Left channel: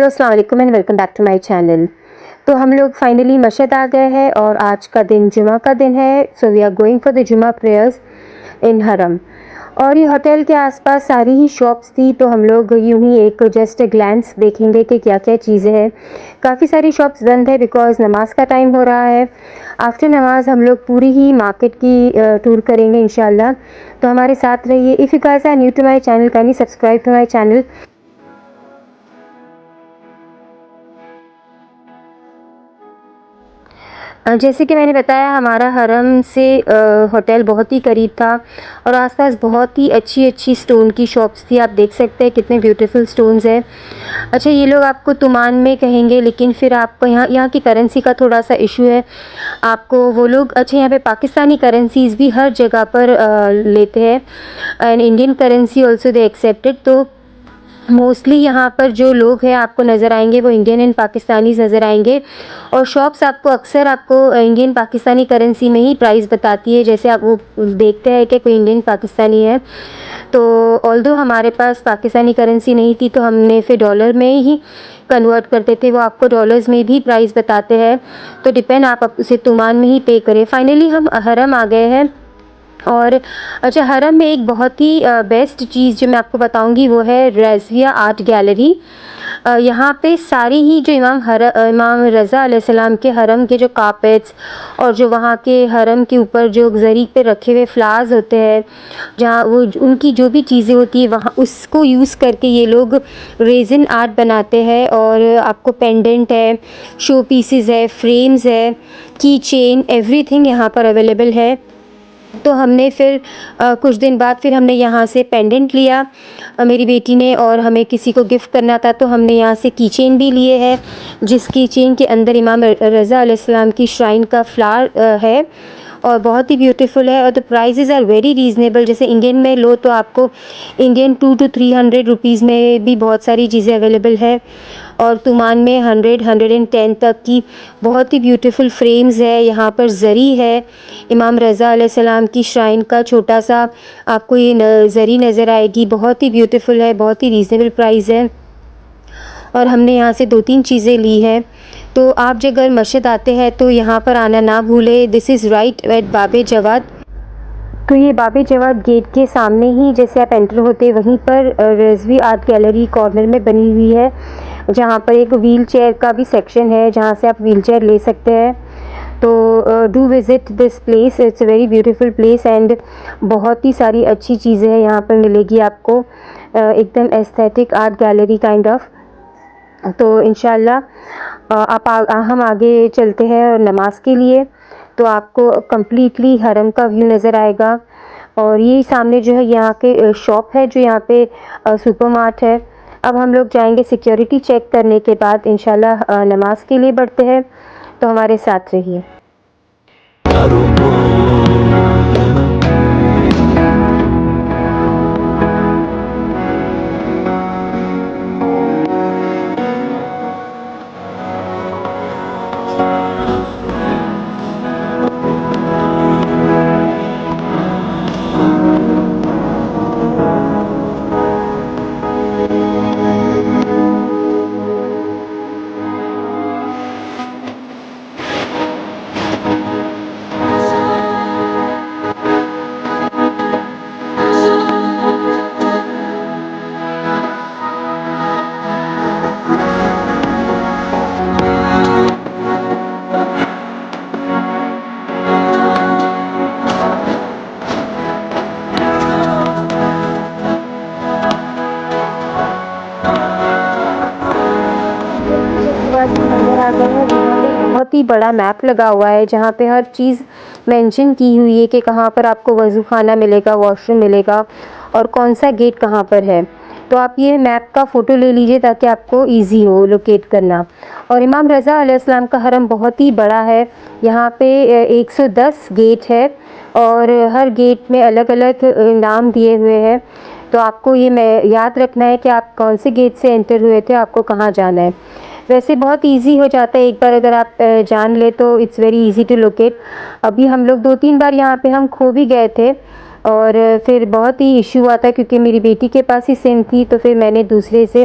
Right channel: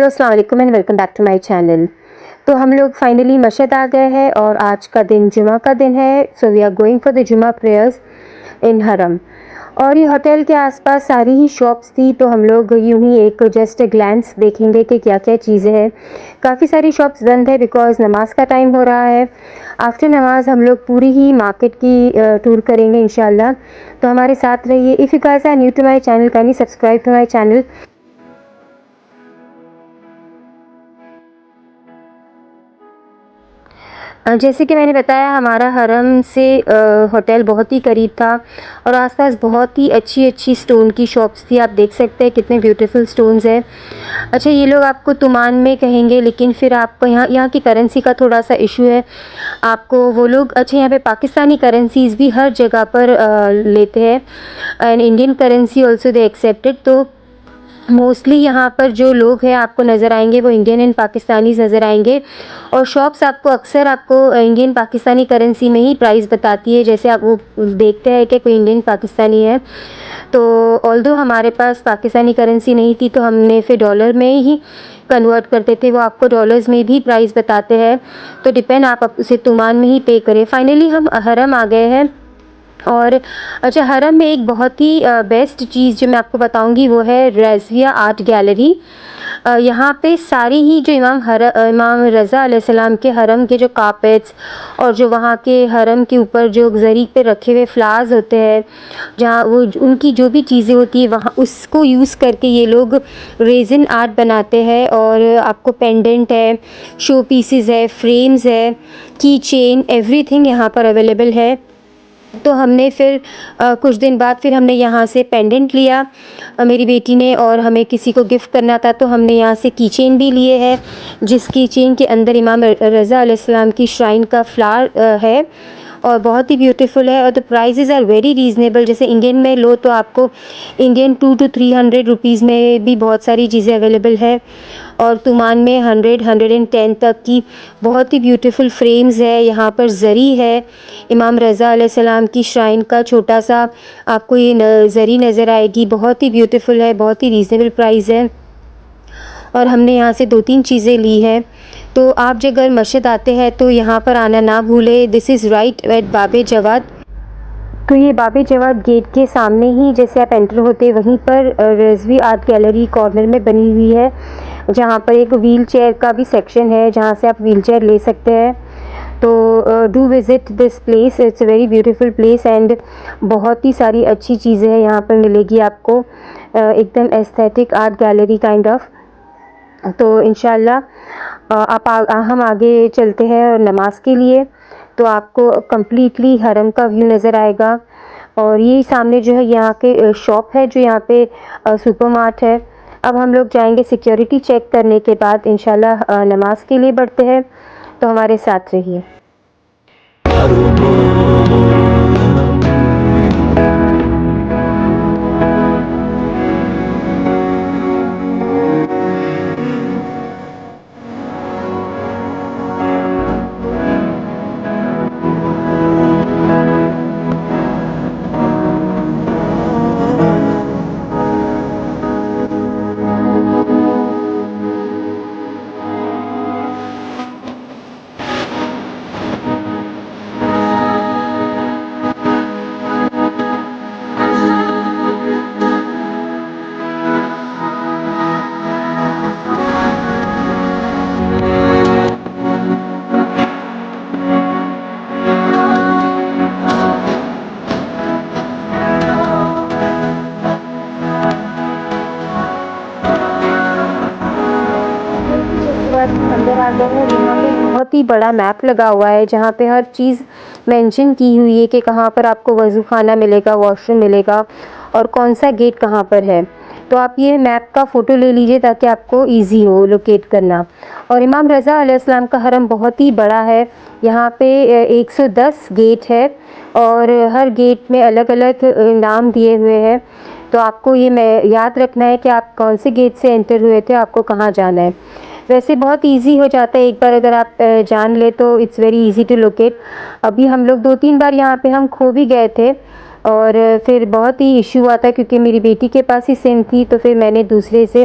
Hello अस्सलाम वालेकुम and welcome back to my channel. तो हम लोग फाइनली मस्जिद आ गए हैं और आज का दिन जुमा का दिन है। So we are going for the जुमा प्रेयर्स इन हरम। और ये होटल के आसपास सारी ही शॉप्स थी, तो हम लोग यूं ही एक जस्ट ग्लैंस देखेंगे कि क्या क्या चीज़ें हैं। काफ़ी सारी शॉप्स बंद है बिकॉज नमाज का टाइम हो रहा है। आफ्टर नमाज हम लोग पूरी ही मार्केट की टूर करेंगे इंशाल्लाह। तो हमारे साथ रहिए। If you guys are new to my channel, can you subscribe to my channel. जैसे कि मैंने बताया, हमारा हरम से होटल बहुत ही करीब था और आसपास बहुत ही अच्छी अच्छी स्टोन की शॉप्स थी। आप देख सकते हैं कितने ब्यूटीफुल स्टोन्स हैं। अच्छा, ये लोग आपको तुमान में कहेंगे, लेकिन फिर आपको यहाँ की करेंसी का थोड़ा सा इशू है। आपको वो लोग, अच्छा, यहाँ पे पाकिस्तानी करेंसीज भी हर जगह पर लेते हैं and Indian currency also they accepted. तो मोस्टली यहाँ पर जो लोग हैं आपको नज़र आएंगे वो इंडियन एंड पाकिस्तानीज़ नज़र आएंगे। और शॉप्स आपको अक्सर आपको इंडियन पाकिस्तानी करेंसी में ही प्राइस बताती है। जैसे आप वो देखते हैं कि कोई इंडियन पाकिस्तानी है, तो ऑल्दो हमारे पास पाकिस्तानी करेंसी नहीं थी तो हमने फिर डॉलर में ही कन्वर्ट करते थे। वो आपको डॉलर्स में भी प्राइस बताते हैं, तो डिपेंड, आप उसे तुमान में ही पे करें। फाइनली हम हरम आ गए हैं। और अच्छा, हरम में एक बहुत ही बेस्ट चीज़ जो मैं आपको बताऊंगी वो है रज़िया आर्ट गैलरी। यहाँ पे सारी ही जो इमाम रज़ा अलैहिस्सलाम के हरम के जो कारपेट्स और जो वहाँ के हरम के ऊपर जो ज़री पे रखे हुए फ्लावर्स होते हैं, जहाँ वो उनकी जो भी चीज़ें होती है वहाँ उसको यूज़ करके ये लोग रेजिन आर्ट बनाते हैं। और आपको पेंडेंट है, शो पीसेस है, फ्रेम्स है, की चेन, एवरीथिंग यहाँ पर अवेलेबल है। तो हमने फिर कुछ दिन बाद फिर हमने यहाँ से पेंडेंट लिया, मेरी बेटी ने, और हमें किसी को गिफ्ट करना था तो हमने यहाँ से की चेन भी लिए है, जिस की चेन के अंदर इमाम रज़ा अलैहिस्सलाम की श्राइन का फ्लावर है और बहुत ही ब्यूटीफुल है। और the prices are very reasonable. जैसे इंडियन में लो तो आपको इंडियन 200 to 300 रुपीज़ में भी बहुत सारी चीज़ें अवेलेबल है, और तुमान में 100-110 तक की बहुत ही ब्यूटीफुल फ्रेम्स है। यहाँ पर ज़री है, इमाम रज़ा अलैहिस्सलाम की श्राइन का छोटा सा आपको ये ज़री नज़र आएगी। बहुत ही ब्यूटीफुल है, बहुत ही रीज़नेबल प्राइस है। और हमने यहाँ से 2-3 चीज़ें ली हैं। तो आप जब अगर मस्जिद आते हैं तो यहाँ पर आना ना भूलें। दिस इज़ राइट एट बाबे जवाद। तो ये बाबे जवाद गेट के सामने ही जैसे आप एंटर होते हैं वहीं पर रज़वी आर्ट गैलरी कॉर्नर में बनी हुई है, जहाँ पर एक व्हील चेयर का भी सेक्शन है जहाँ से आप व्हील चेयर ले सकते हैं। तो do visit this place, it's a very beautiful place and बहुत ही सारी अच्छी चीज़ें हैं यहाँ पर मिलेगी आपको, एकदम aesthetic art gallery kind of. तो इंशाल्लाह हम आगे चलते हैं नमाज के लिए। तो आपको कम्प्लीटली हरम का व्यू नज़र आएगा। और ये सामने जो है यहाँ के शॉप है, जो यहाँ पे सुपरमार्ट है। अब हम लोग जाएंगे सिक्योरिटी चेक करने के बाद इंशाल्लाह नमाज के लिए बढ़ते हैं। तो हमारे साथ रहिए। उसके बाद अंदर आ गए हैं। यहाँ पे बहुत ही बड़ा मैप लगा हुआ है जहाँ पे हर चीज़ मेंशन की हुई है कि कहाँ पर आपको वज़ू खाना मिलेगा, वॉशरूम मिलेगा और कौन सा गेट कहाँ पर है। तो आप ये मैप का फ़ोटो ले लीजिए ताकि आपको इजी हो लोकेट करना। और इमाम रज़ा अलैहिस्सलाम का हरम बहुत ही बड़ा है। यहाँ पे 110 गेट है और हर गेट में अलग अलग नाम दिए हुए हैं। तो आपको ये याद रखना है कि आप कौन से गेट से एंटर हुए थे, आपको कहाँ जाना है। वैसे बहुत इजी हो जाता है, एक बार अगर आप जान ले तो it's very easy to locate. अभी हम लोग 2-3 बार यहाँ पे हम खो भी गए थे, और फिर बहुत ही इश्यू हुआ था क्योंकि मेरी बेटी के पास ही सिम थी, तो फिर मैंने दूसरे से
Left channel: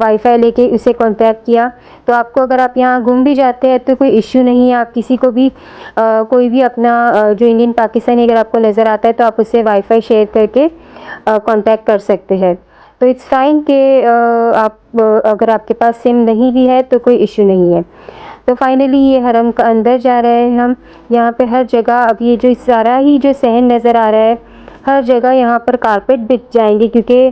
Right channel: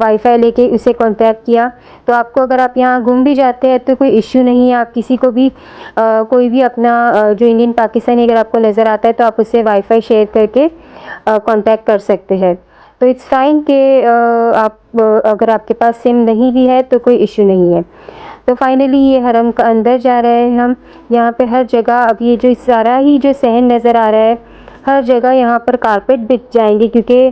वाईफ़ाई लेके उसे कॉन्टैक्ट किया। तो आपको अगर आप यहाँ गुम भी जाते हैं तो कोई इश्यू नहीं है, आप किसी को भी कोई भी अपना जो इंडियन पाकिस्तानी अगर आपको नज़र आता है तो आप उससे वाईफ़ाई शेयर करके कॉन्टैक्ट कर सकते हैं। तो इट्स फाइन कि आप अगर आपके पास सिम नहीं भी है तो कोई इश्यू नहीं है। तो फाइनली ये हरम का अंदर जा रहे हैं हम। यहाँ पे हर जगह अब ये जो सारा ही जो सहन नज़र आ रहा है, हर जगह यहाँ पर कारपेट बिछ जाएंगे क्योंकि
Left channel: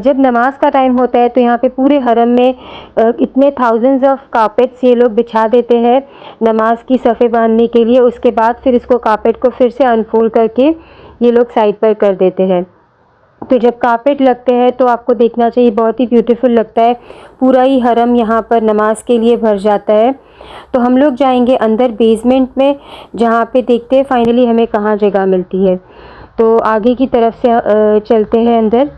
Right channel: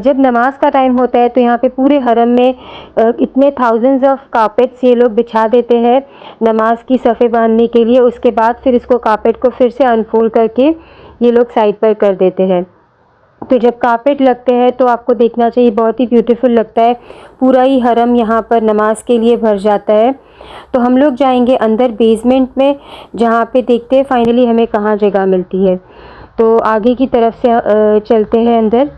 जब नमाज का टाइम होता है तो यहाँ पे पूरे हरम में इतने थाउजेंड्स ऑफ कारपेट्स ये लोग बिछा देते हैं नमाज की सफ़े बांधने के लिए। उसके बाद फिर इसको कारपेट को फिर से अनफोल्ड करके ये लोग साइड पर कर देते हैं। तो जब कारपेट लगते हैं तो आपको देखना चाहिए, बहुत ही ब्यूटीफुल लगता है। पूरा ही हरम यहाँ पर नमाज के लिए भर जाता है। तो हम लोग जाएंगे अंदर बेसमेंट में, जहाँ पे देखते हैं फाइनली हमें कहाँ जगह मिलती है। तो आगे की तरफ से चलते हैं अंदर।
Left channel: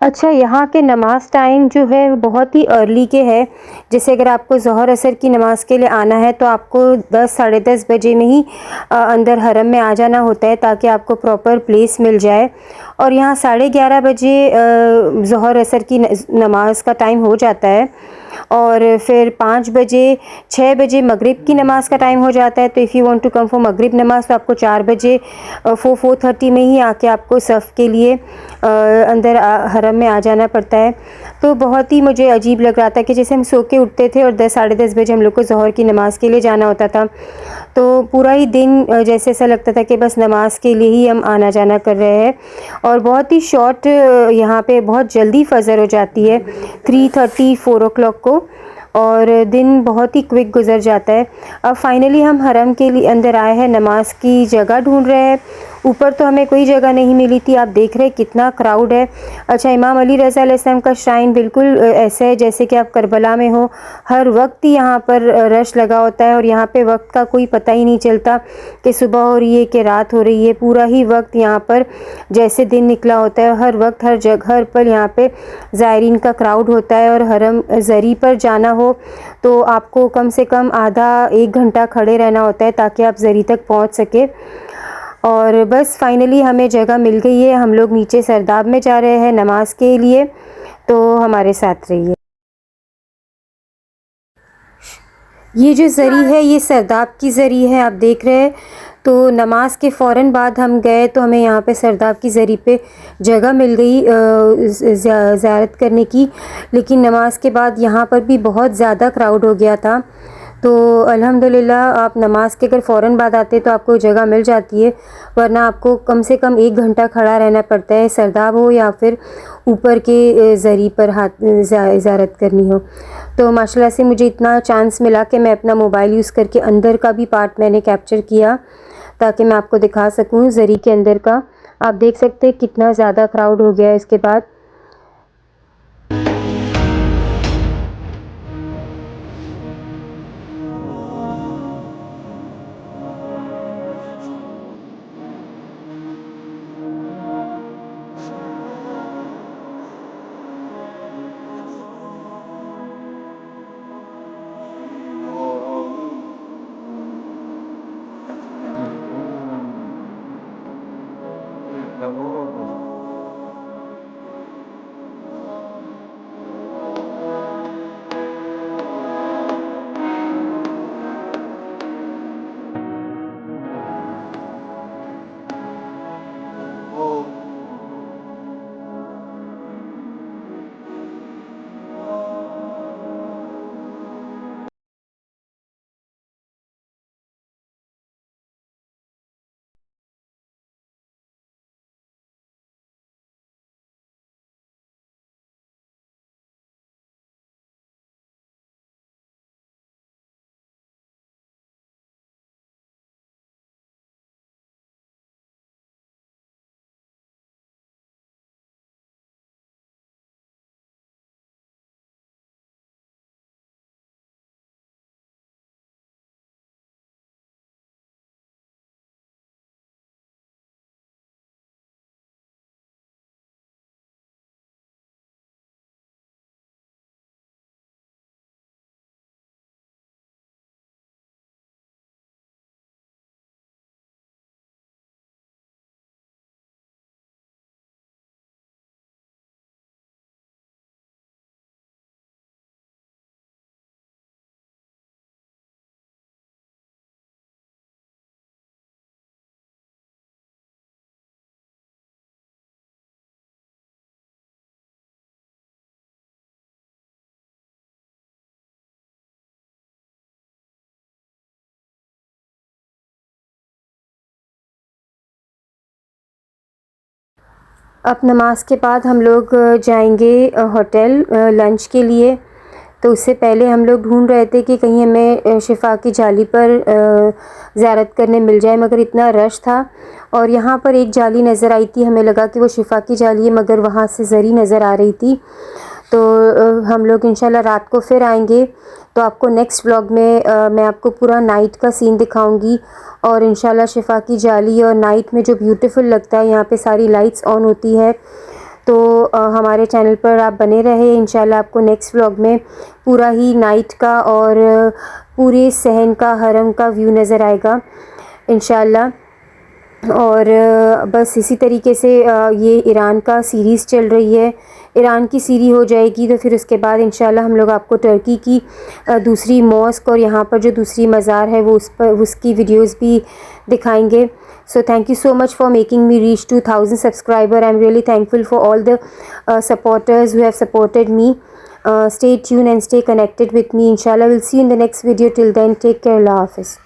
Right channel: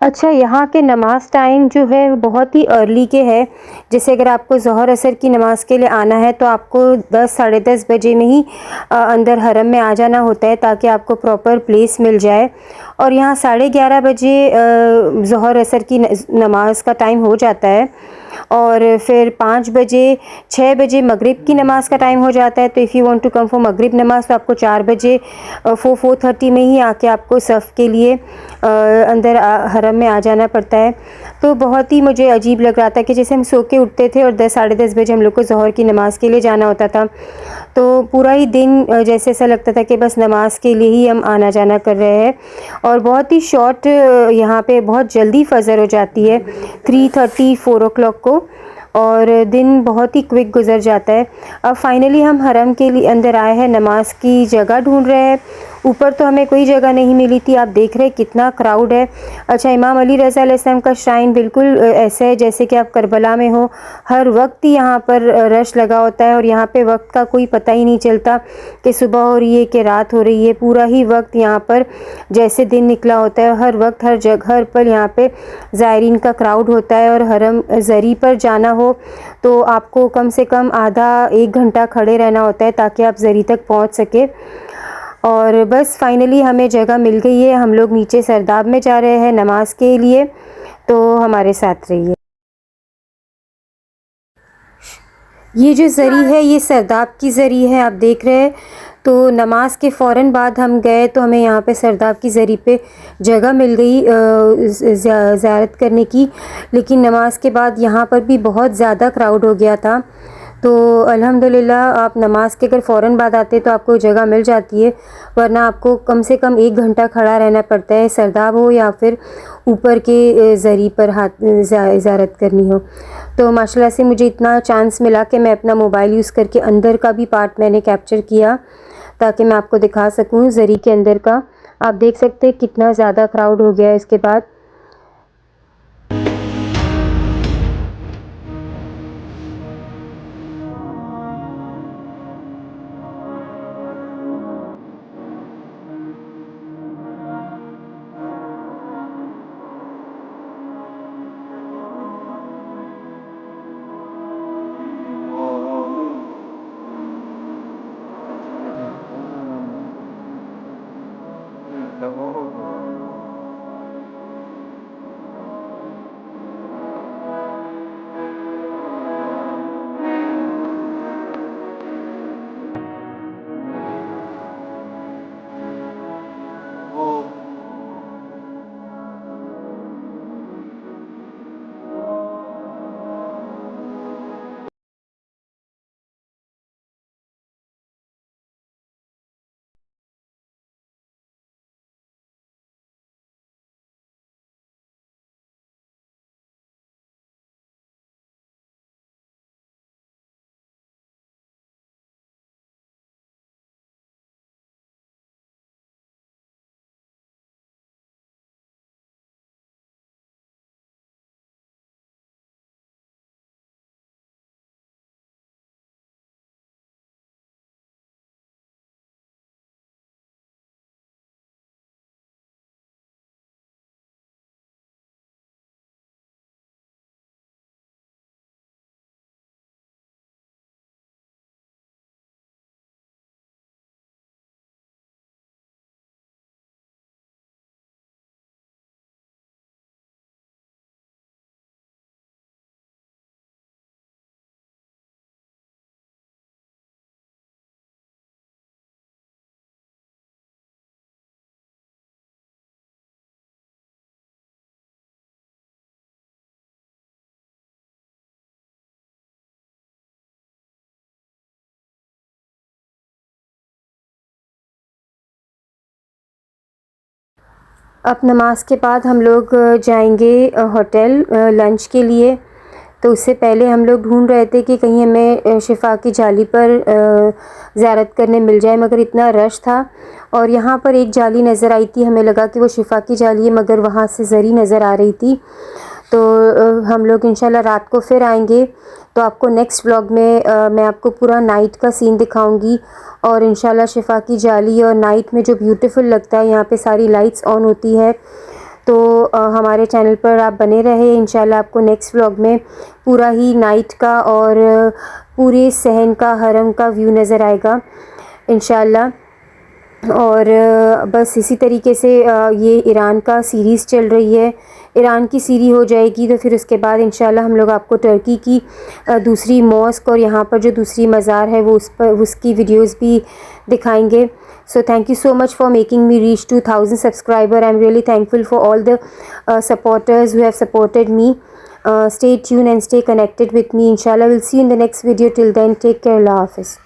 अच्छा, यहाँ के नमाज़ टाइम जो है वो बहुत ही अर्ली के है। जैसे अगर आपको ज़ोहर असर की नमाज़ के लिए आना है तो आपको 10 साढ़े 10 बजे में ही अंदर हरम में आ जाना होता है ताकि आपको प्रॉपर प्लेस मिल जाए। और यहाँ 11:30 बजे ज़ोहर असर की नमाज़ का टाइम हो जाता है। और फिर 5 बजे 6 बजे मगरिब की नमाज़ का टाइम हो जाता है। तो if you want to come for मगरिब नमाज़ तो आपको 4 बजे 4:30 में ही आके आपको सफ़ के लिए अंदर हरम में आ जाना पड़ता है। तो बहुत ही मुझे अजीब लग रहा था कि जैसे हम सो के उठते थे और 10 साढ़े 10 बजे हम लोग को ज़ोहर की नमाज़ के लिए जाना होता था। तो पूरा ही दिन जैसे ऐसा लगता था कि बस नमाज़ के लिए ही हम आना जाना कर रहे हैं। और बहुत ही शॉर्ट यहाँ पे बहुत जल्दी फ़जर हो जाती है 3:30 4 o'clock को, और दिन बहुत ही क्विक गुज़र जाता है। अब फाइनली हम हरम के लिए अंदर आए हैं, नमाज की जगह ढूंढ रहे हैं। ऊपर तो हमें कोई जगह नहीं मिली थी। आप देख रहे हैं कितना क्राउड है। अच्छा, इमाम अली रज़ा अलैहिस्सलाम का श्राइन बिल्कुल ऐसा है जैसे कि आप करबला में हो। हर वक्त ही यहाँ पर रश लगा होता है और यहाँ पे वक्त का कोई पता ही नहीं चलता कि सुबह हो रही है कि रात हो रही है। पूरा ही वक्त यहाँ पर जैसे दिन निकला होता है। हर वक्त हर जगह हर पल यहाँ पे ज़ायरीन का क्राउड होता है। और हरम ज़री पर जाना हो तो आपको कम से कम आधा 1 घंटा खड़े रहना होता है ताकि आप ज़री तक पहुँच सके। और बस फाइनली हमें जगह मिल गई है। हम लोग नीचे सरदाब में जा रहे हैं नमाज के लिए, तो हमारे साथ रहिए। ये जो ज़री है ये सरदाब की ज़री है, आप देख रहे हैं। तो नमाज के फ़ौरन बाद हम गए तो हमें यहाँ पे सरदाब की ज़री पे जगह मिल गई ज़ियारत करने की। लेकिन नमाज के बाद यहाँ पर भी बहुत ज़्यादा क्राउड हो गया था। तो अल्हम्दुलिल्लाह आप नमाज के अगर फ़ौरन बाद आते तो आपको जगह मिल जाती है, वरना आपको कम से कम 1 घंटा खड़ा रहना पड़ता है, सरदाब हो या फिर ऊपर के ज़री पर हाथ ज़ियारत करनी हो। तो माशाल्लाह से मुझे इतना चांस मिला कि मैं अपना मोबाइल यूज़ करके अंदर का भी पार्ट मैंने कैप्चर किया ताकि मैं आपको दिखा सकूं ज़री के अंदर का। आप देख सकते हैं कितना ज़्यादा क्राउड हो गया है इसके बाद। अब नमाज के बाद हम लोग जाएंगे होटल लंच के लिए। तो उससे पहले हम लोग ढूंढ रहे थे कि कहीं हमें शिफा की जाली पर ज़ियारत करने मिल जाए, मगर इतना रश था। और यहाँ पर एक जाली नज़र आई थी, हमें लगा कि वो शिफा की जाली है, मगर वहाँ से ज़री नज़र आ रही थी। तो हम लोग इंशाल्लाह रात को फिर आएंगे। तो आपको नेक्स्ट व्लॉग में मैं आपको पूरा नाइट का सीन दिखाऊंगी, और इंशाल्लाह शिफा की जाली और नाइट में जो ब्यूटीफुल लगता है, यहाँ पे सारी लाइट्स ऑन होती है। तो हमारे चैनल पर आप बने रहे। इंशाल्लाह आपको नेक्स्ट व्लॉग में पूरा ही नाइट का और पूरे सहन का, हरम का व्यू नज़र आएगा इंशाल्लाह। और बस इसी तरीके से ये ईरान का सीरीज़ चल रही है। ईरान की सीरीज़ हो जाएगी तो फिर उसके बाद इंशाल्लाह हम लोग आपको टर्की की दूसरी मॉस्क और यहाँ पर जो दूसरी मज़ार है वो उस पर उसकी वीडियोस भी दिखाएंगे। So thank you so much for making me reach 2000 subscriber. I am really thankful for all the supporters who have supported me. Stay tuned and stay connected with me. Inshallah, we'll see you in the next video. Till then, take care. Allah Hafiz.